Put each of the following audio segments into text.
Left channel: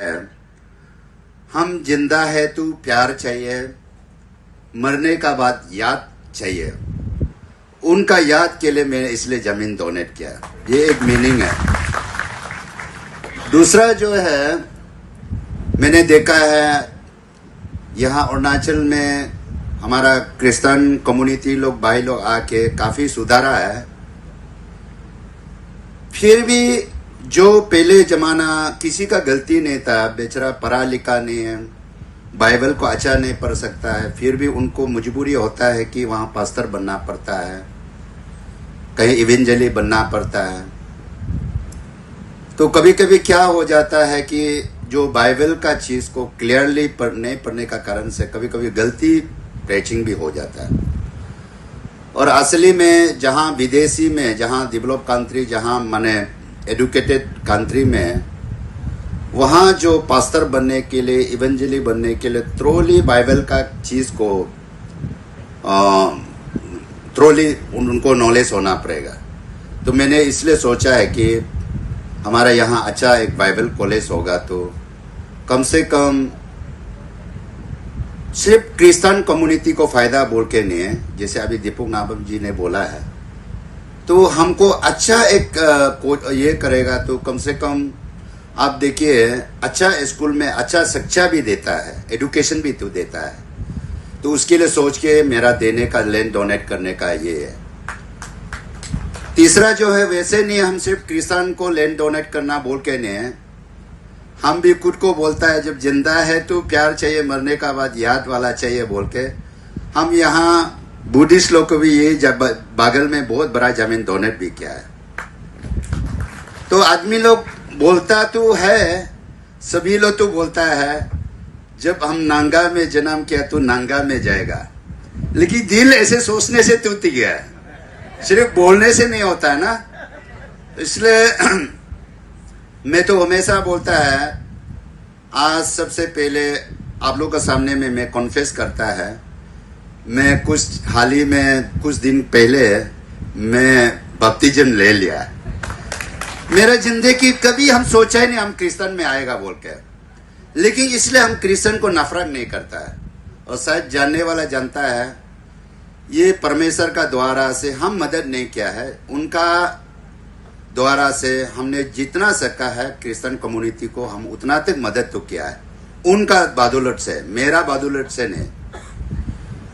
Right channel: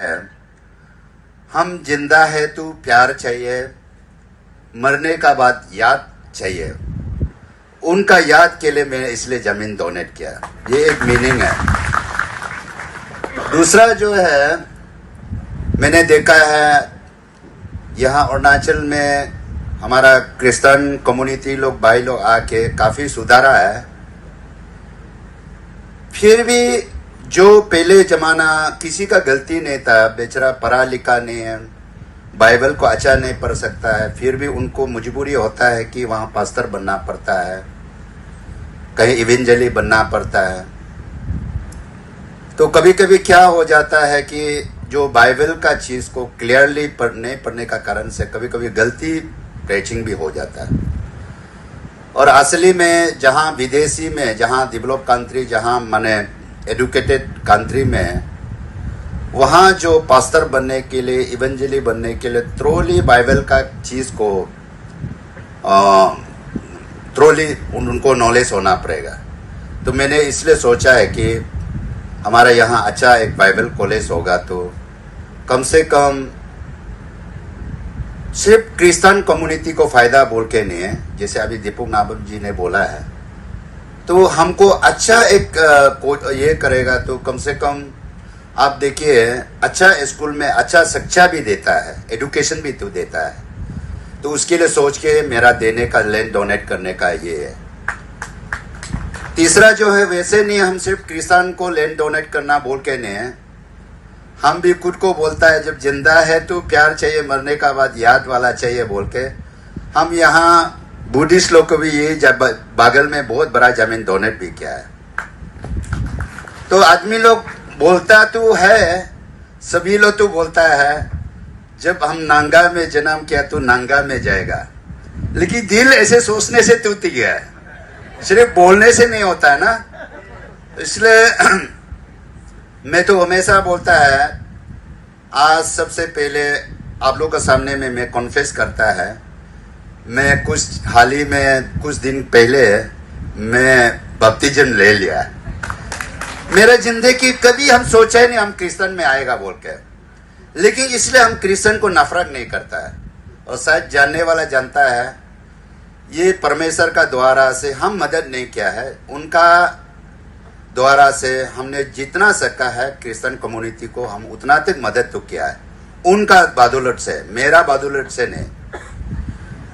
है, हम जिंदा है तो प्यार चाहिए, मरने का बाद याद चाहिए। उनका याद के लिए मैंने इसलिए जमीन डोनेट किया, ये एक मीनिंग है। दूसरा जो है, मैंने देखा है यहाँ अरुणाचल में हमारा क्रिश्चियन कम्युनिटी लोग भाई लोग आके काफी सुधारा है। फिर भी जो पहले जमाना किसी का गलती नहीं था, बेचारा पढ़ा लिखा नहीं है, बाइबल को अच्छा नहीं पढ़ सकता है, फिर भी उनको मजबूरी होता है कि वहां पास्टर बनना पड़ता है, कहीं इवेंजली बनना पड़ता है। तो कभी कभी क्या हो जाता है कि जो बाइबल का चीज को क्लियरली नहीं पढ़ने का कारण से कभी कभी गलती प्रेचिंग भी हो जाता है। और असली में जहां विदेशी में, जहां डेवलप कंट्री, जहां माने एडुकेटेड कंट्री में, वहां जो पास्टर बनने के लिए, इवेंजली बनने के लिए थ्रोली बाइबल का चीज को थ्रोली उनको नॉलेज होना पड़ेगा। तो मैंने इसलिए सोचा है कि हमारा यहाँ अच्छा एक बाइबल कॉलेज होगा तो कम से कम सिर्फ क्रिश्चियन कम्युनिटी को फायदा बोल के नहीं है, जैसे अभी दीपक नाबम जी ने बोला है, तो हमको अच्छा एक ये करेगा। तो कम से कम आप देखिए, अच्छा स्कूल में अच्छा शिक्षा भी देता है, एजुकेशन भी तो देता है। तो उसके लिए सोच के मेरा देने का, लैंड डोनेट करने का ये है। तीसरा जो है, वैसे नहीं हम सिर्फ क्रिश्चियन को लैंड डोनेट करना बोल के नहीं है, हम भी खुद को बोलता है जब जिंदा है तो प्यार चाहिए, मरने का बाद याद वाला चाहिए बोल के हम यहाँ बुद्धिस्ट लोग को भी ये जब बागल में बहुत बड़ा जमीन डोनेट भी किया है। तो आदमी लोग बोलता तो है, सभी लोग तो बोलता है जब हम नांगा में जन्म किया तो नांगा में जाएगा, लेकिन दिल ऐसे सोचने से टूट गया है, सिर्फ बोलने से नहीं होता है ना। इसलिए मैं तो हमेशा बोलता है, आज सबसे पहले आप लोगों के सामने में मैं कॉन्फेस करता है, मैं कुछ हाल ही में कुछ दिन पहले मैं बपतिस्म ले लिया। मेरा जिंदगी कभी हम सोचा ही नहीं हम क्रिश्चियन में आएगा बोल के, लेकिन इसलिए हम क्रिश्चियन को नफरत नहीं करता है। और शायद जानने वाला जानता है, ये परमेश्वर का द्वारा से हम मदद नहीं किया है, उनका द्वारा से हमने जितना सका है क्रिश्चियन कम्युनिटी को हम उतना तक मदद तो किया है। उनका बदौलत से, मेरा बदौलत से नहीं।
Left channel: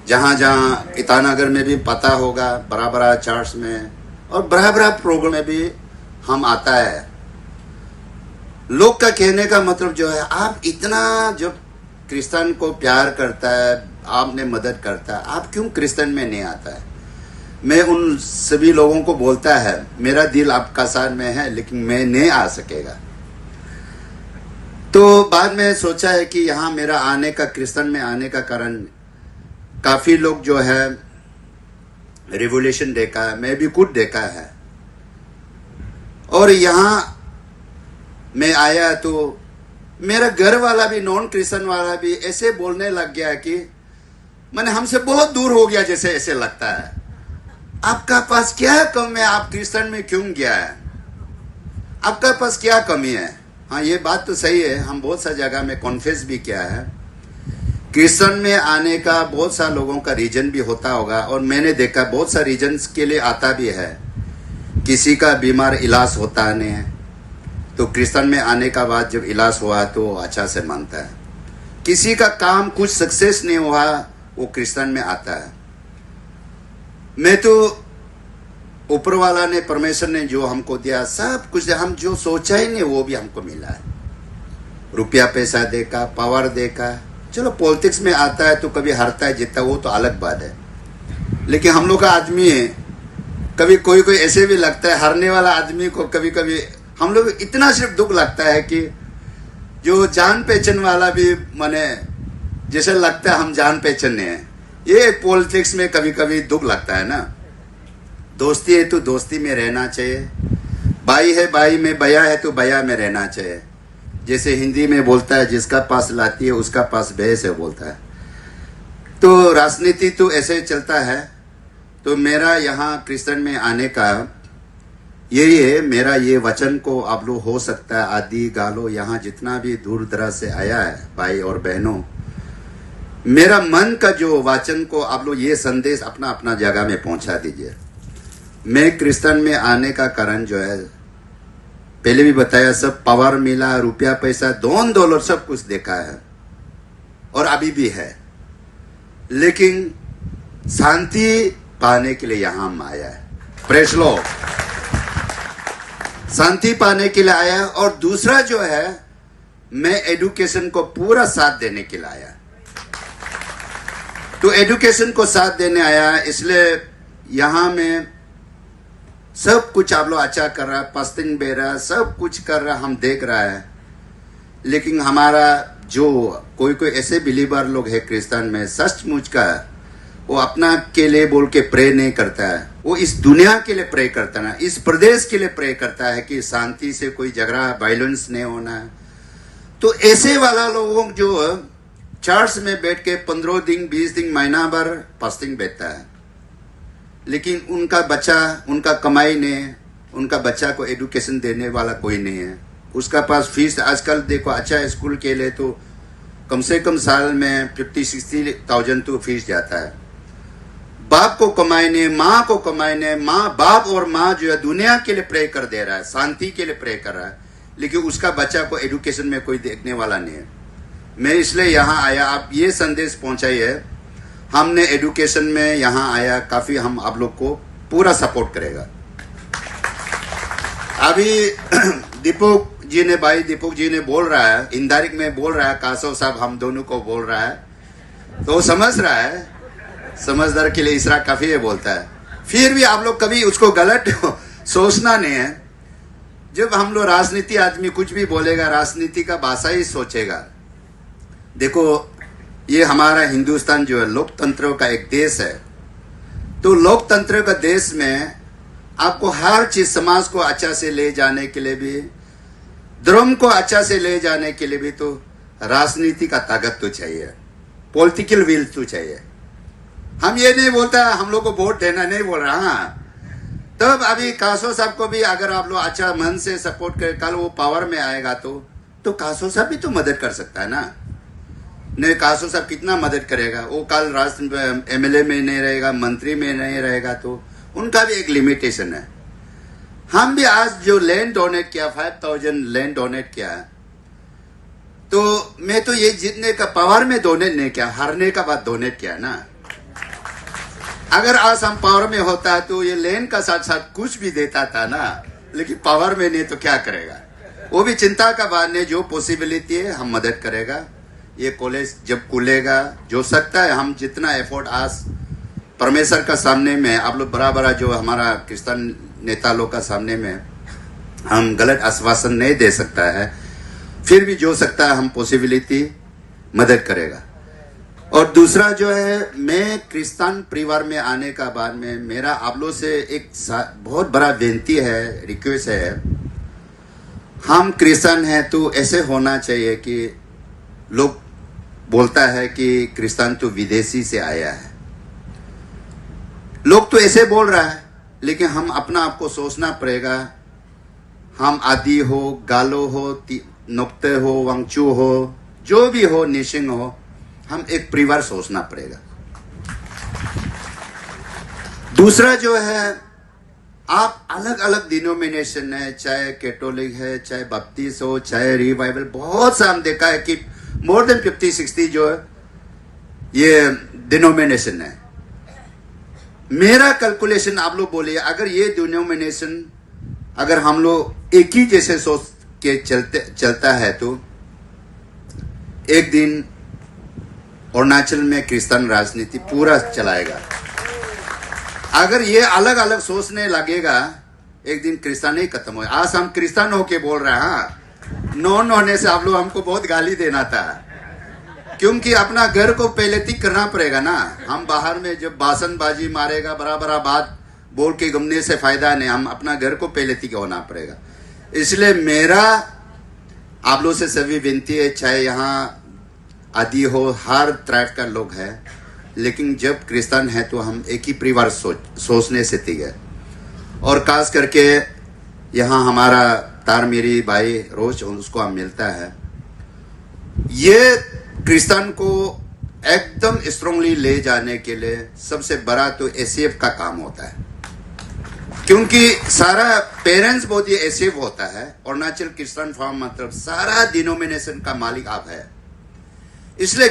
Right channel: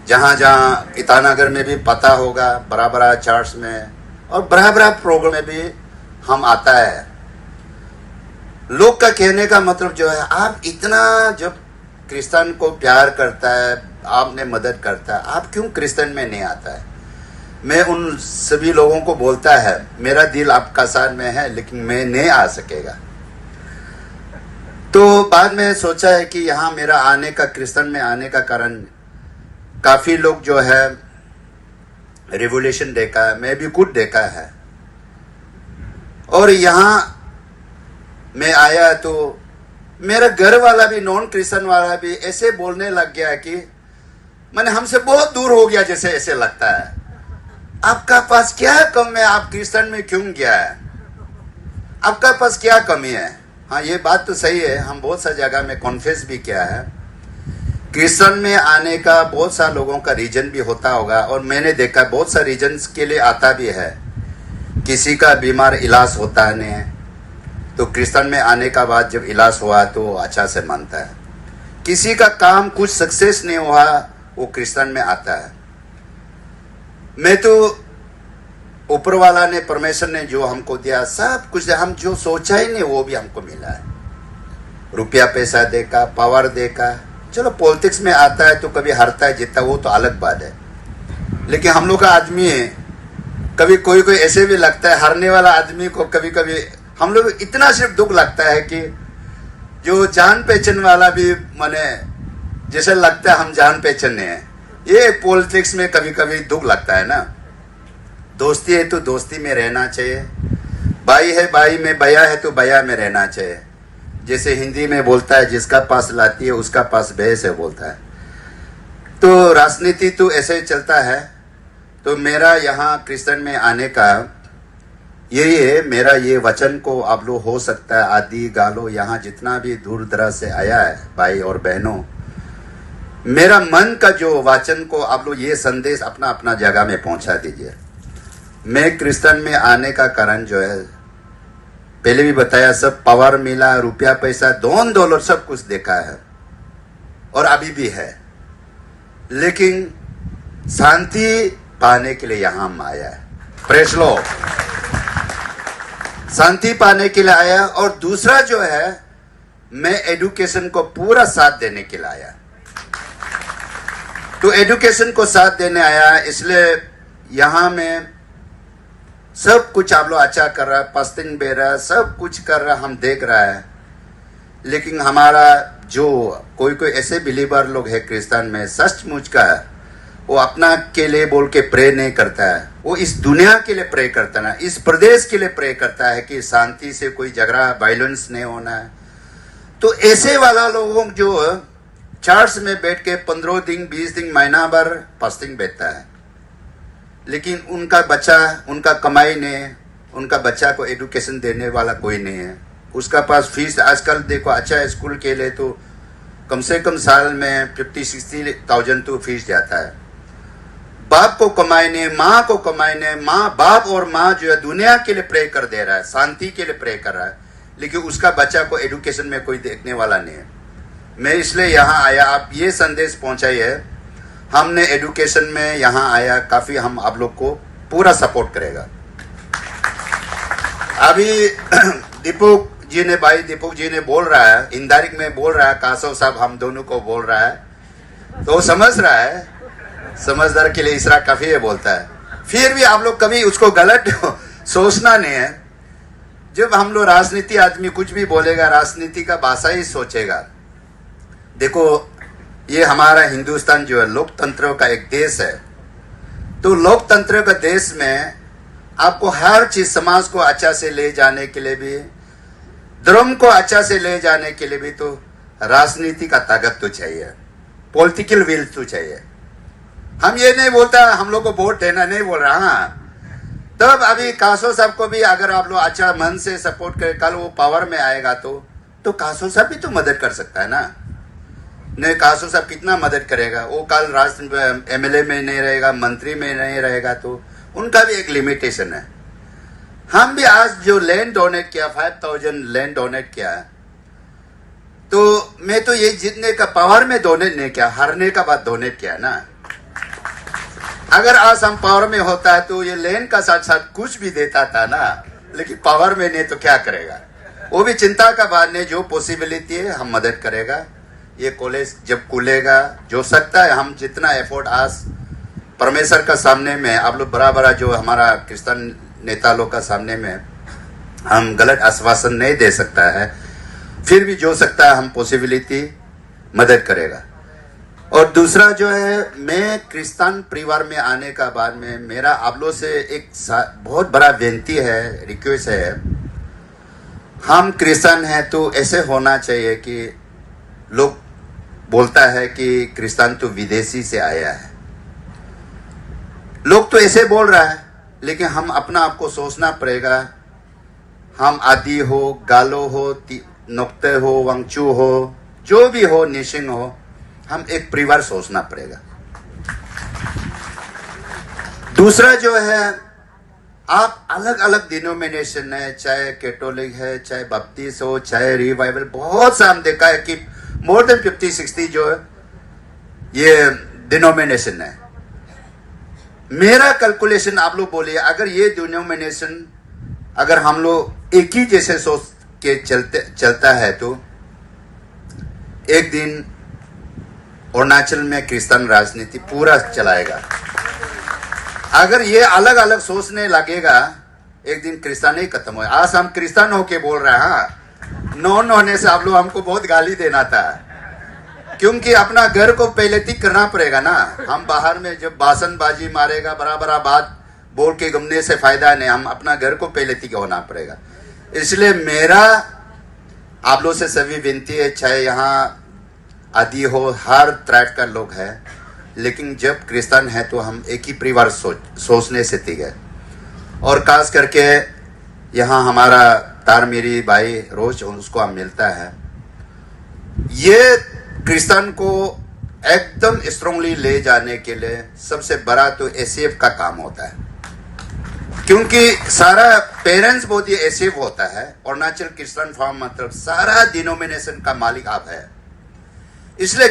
जहां जहां ईटानगर में भी पता होगा, बड़ा बड़ा चर्च में और बड़ा बड़ा प्रोग्राम में भी हम आता है। लोग का कहने का मतलब जो है, आप इतना जब क्रिश्चियन को प्यार करता है, आपने मदद करता है, आप क्यों क्रिश्चियन में नहीं आता है? मैं उन सभी लोगों को बोलता है, मेरा दिल आपका साथ में है, लेकिन मैं नहीं आ सकेगा। तो बाद में सोचा है कि यहाँ मेरा आने का, क्रिश्चियन में आने का कारण, काफी लोग जो है रेवोल्यूशन देखा है, मैं भी खुद देखा है। और यहाँ मैं आया तो मेरा घर वाला भी, नॉन क्रिश्चियन वाला भी ऐसे बोलने लग गया कि मैंने हमसे बहुत दूर हो गया जैसे ऐसे लगता है। आपका पास क्या कम है, आप क्रिश्चियन में क्यों गया है, आपका पास क्या कमी है? हाँ, ये बात तो सही है, हम बहुत सा जगह में कॉन्फेस भी किया है। क्रिश्चियन में आने का बहुत सा लोगों का रीजन भी होता होगा, और मैंने देखा बहुत सा रीजन्स के लिए आता भी है। किसी का बीमार इलाज होता नहीं है, तो क्रिश्चियन में आने का बाद जब इलाज हुआ तो अच्छा से मानता है। किसी का काम कुछ सक्सेस नहीं हुआ, वो क्रिश्चियन में आता है। मैं तो ऊपर वाला ने, परमेश्वर ने जो हमको दिया सब कुछ, हम जो सोचा ही नहीं वो भी हमको मिला है। रुपया पैसा देखा, पावर देखा, चलो पॉलिटिक्स में आता है तो कभी हारता है जीतता, वो तो अलग बात है। लेकिन हम लोग का आदमी है, कभी कोई कोई ऐसे भी लगता है, हारने वाला आदमी को कभी कभी हम लोग इतना सिर्फ दुख लगता है कि जो जान पहचान वाला भी, माने जैसे लगता है हम जान पहचाने हैं, ये पॉलिटिक्स में कभी कभी दुख लगता है ना। दोस्ती है तो दोस्ती में रहना चाहिए, भाई है भाई में, भैया है तो भैया में रहना चाहिए। जैसे हिंदी में बोलता है, जिसका पास लाती है उसका पास भैंस है बोलता है। तो राजनीति तो ऐसे चलता है। तो मेरा यहाँ क्रिश्चियन में आने का ये मेरा ये वचन को आप लोग हो सकता है आदि गालो यहाँ जितना भी दूर दराज से आया है भाई और बहनों, मेरा मन का जो वचन को आप लोग ये संदेश अपना अपना जगह में पहुंचा दीजिए। मैं क्रिश्चियन में आने का कारण जो है, पहले भी बताया, सब पावर मिला, रुपया पैसा दोन डॉलर सब कुछ देखा है और अभी भी है, लेकिन शांति पाने के लिए यहां हम आया है। प्रेस लो, शांति पाने के लिए आया। और दूसरा जो है, मैं एजुकेशन को पूरा साथ देने के लिए आया। तो एजुकेशन को साथ देने आया, इसलिए यहां में सब कुछ आप लोग अच्छा कर रहा है, पस्तिन बे रहा है, सब कुछ कर रहा है, हम देख रहा है। लेकिन हमारा जो कोई कोई ऐसे बिलीवर लोग है क्रिश्चियन में, सचमुच का वो अपना के लिए बोल के प्रे नहीं करता है, वो इस दुनिया के लिए प्रे करता है, इस प्रदेश के लिए प्रे करता है कि शांति से कोई झगड़ा वायलेंस नहीं होना है। तो ऐसे वाला लोगों जो चर्च में बैठ के 15 दिन 20 दिन महीना भर फास्टिंग बैठता है, लेकिन उनका बच्चा, उनका कमाई नहीं, उनका बच्चा को एजुकेशन देने वाला कोई नहीं है। उसका पास फीस आजकल देखो, अच्छा स्कूल के लिए तो कम से कम साल में 50-60,000 तो फीस जाता है। बाप को कमाने, माँ को कमाने, माँ बाप और माँ जो है दुनिया के लिए प्रे कर दे रहा है, शांति के लिए प्रे कर रहा है, लेकिन उसका बच्चा को एजुकेशन में कोई देखने वाला नहीं है। मैं इसलिए यहाँ आया, आप ये संदेश पहुंचाइए, हमने एजुकेशन में यहाँ आया, काफी हम आप लोग को पूरा सपोर्ट करेगा। अभी दीपक जी ने, भाई दीपक जी ने बोल रहा है, इंदारिक में बोल रहा है, कासव साहब हम दोनों को बोल रहा है, तो वो समझ रहा है, समझदार के लिए इसरा काफी है बोलता है। फिर भी आप लोग कभी उसको गलत सोचना नहीं है। जब हम लोग राजनीति आदमी कुछ भी बोलेगा, राजनीति का भाषा ही सोचेगा। देखो, ये हमारा हिंदुस्तान जो है लोकतंत्र का एक देश है, तो लोकतंत्र का देश में आपको हर चीज, समाज को अच्छा से ले जाने के लिए भी, धर्म को अच्छा से ले जाने के लिए भी तो राजनीति का ताकत तो चाहिए, पॉलिटिकल विल तो चाहिए। हम ये नहीं बोलता हम लोग को वोट देना, नहीं बोल रहा। हाँ, तब अभी कासो साहब को भी अगर आप लोग अच्छा मन से सपोर्ट करें, कल वो पावर में आएगा तो कासो साहब भी तो मदद कर सकता है ना। नहीं, कासो साहब कितना मदद करेगा, वो कल राष्ट्र एमएलए में नहीं रहेगा, मंत्री में नहीं रहेगा, तो उनका भी एक लिमिटेशन है। हम भी आज जो लैंड डोनेट किया, 5,000 लैंड डोनेट किया है, तो मैं तो ये जीतने का पावर में डोनेट नहीं किया, हारने का बाद डोनेट किया ना। अगर आज हम पावर में होता तो ये लैंड का साथ साथ कुछ भी देता था ना, लेकिन पावर में नहीं तो क्या करेगा। वो भी चिंता का बात नहीं, जो पॉसिबिलिटी है हम मदद करेगा। ये कॉलेज जब खुलेगा, जो सकता है हम जितना एफर्ट आज परमेश्वर का सामने में, आप लोग बड़ा बड़ा जो हमारा क्रिश्चियन नेता लोग का सामने में हम गलत आश्वासन नहीं दे सकता है, फिर भी जो सकता है हम पॉसिबिलिटी मदद करेगा। और दूसरा जो है, मैं क्रिश्चियन परिवार में आने का बाद में मेरा आप लोग से एक बहुत बड़ा विनती है, रिक्वेस्ट है। हम क्रिश्चियन हैं तो ऐसे होना चाहिए कि लोग बोलता है कि क्रिश्चियन तो विदेशी से आया है, लोग तो ऐसे बोल रहा है, लेकिन हम अपना आपको सोचना पड़ेगा। हम आदि हो, गालो हो, नोक्ते हो, वांगचू हो, जो भी हो, निशिंग हो, हम एक परिवार सोचना पड़ेगा। दूसरा जो है, आप अलग अलग डिनोमिनेशन है, चाहे कैथोलिक है, चाहे बपतिस्ट हो, चाहे रिवाइवल, बहुत सा हम देखा है कि मोर देन 50-60 जो है ये डिनोमिनेशन है। मेरा कैलकुलेशन आप लोग बोलिए, अगर ये डिनोमिनेशन अगर हम लोग एक ही जैसे सोच के चलता है तो एक दिन अरुणाचल में क्रिश्चियन राजनीति पूरा चलाएगा। अगर ये अलग अलग सोचने लगेगा, एक दिन क्रिश्चियन ही खत्म हो। आज हम क्रिश्चियन होके बोल रहे हैं, नॉन होने से आप लोग हमको बहुत गाली देना था, क्योंकि अपना घर को पहले ठीक करना पड़ेगा ना। हम बाहर में जब भाषणबाजी मारेगा, बड़ा बड़ा बात बोल के गमने से फायदा नहीं, हम अपना घर को पहले ठीक होना पड़ेगा। इसलिए मेरा आप लोग से सभी विनती है, चाहे यहाँ आदि हो, हर ट्राइब का लोग है, लेकिन जब क्रिश्चियन है तो हम एक ही परिवार सोचने से ठीक है। और खास करके यहाँ हमारा तारमीरी भाई रोज उसको हम मिलता है। ये क्रिश्चियन को एकदम स्ट्रांगली ले जाने के लिए सबसे बड़ा तो एसीएफ का काम होता है, क्योंकि सारा पेरेंट्स बहुत ही एसीएफ होता है। अरुणाचल क्रिश्चियन फार्म मतलब सारा डिनोमिनेशन का मालिक आप है, इसलिए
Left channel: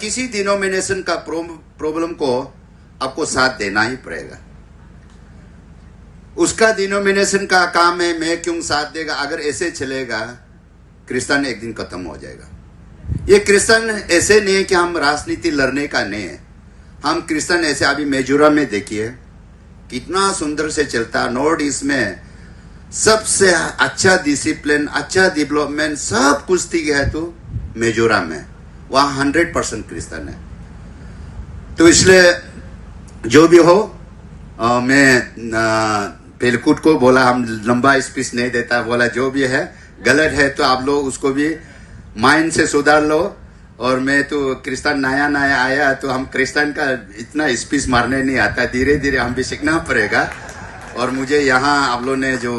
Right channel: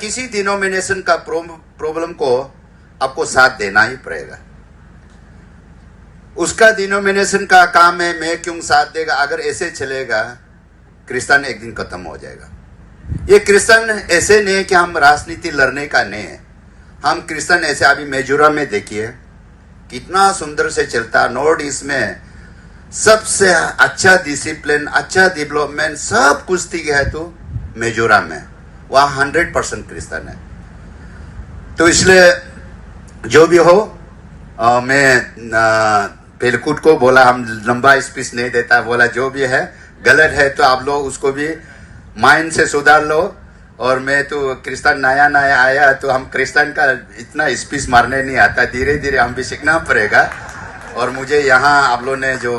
किसी डिनोमिनेशन का प्रॉब्लम को आपको साथ देना ही पड़ेगा। उसका डिनोमिनेशन का काम है, मैं क्यों साथ देगा। अगर ऐसे चलेगा क्रिश्चियन एक दिन खत्म हो जाएगा। ये क्रिश्चियन ऐसे नहीं है कि हम राजनीति लड़ने का नहीं है। हम क्रिश्चियन ऐसे अभी मिजोरम में देखिए कितना सुंदर से चलता। नॉर्थ ईस्ट में सबसे अच्छा डिसिप्लिन, अच्छा डेवलपमेंट सब कुछ ठीक है तो मिजोरम में, वहां 100% क्रिश्चियन है। तो इसलिए जो भी हो, मैं पेलकुट को बोला हम लंबा स्पीच नहीं देता, बोला जो भी है गलत है तो आप लोग उसको भी माइंड से सुधार लो। और मैं तो क्रिश्चियन नया आया तो हम क्रिश्चियन का इतना स्पीच मारने नहीं आता, धीरे धीरे हम भी सीखना पड़ेगा। और मुझे यहाँ आप लोग ने जो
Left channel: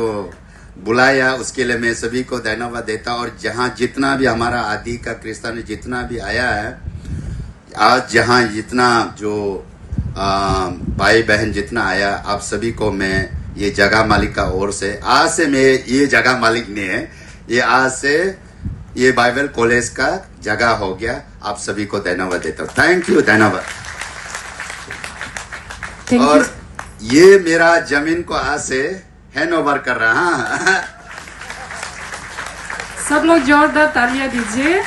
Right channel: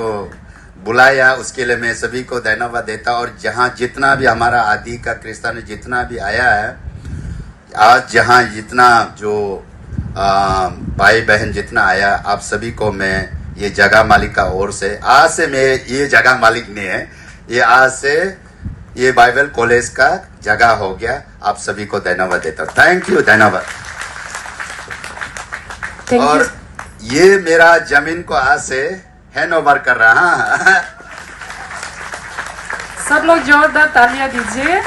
बुलाया उसके लिए मैं सभी को धन्यवाद देता। और जहाँ जितना भी हमारा आदि का क्रिश्चियन जितना भी आया है आज, जहाँ जितना जो भाई बहन जितना आया, आप सभी को मैं ये जगह मालिक का ओर से, आज से मैं ये जगह मालिक नहीं है, ये आज से ये बाइबल कॉलेज का जगह हो गया। आप सभी को धन्यवाद देता हूँ। थैंक यू, धन्यवाद। और ये मेरा जमीन को आज से हैंड ओवर कर रहा। सब लोग जोरदार तालियां दीजिए।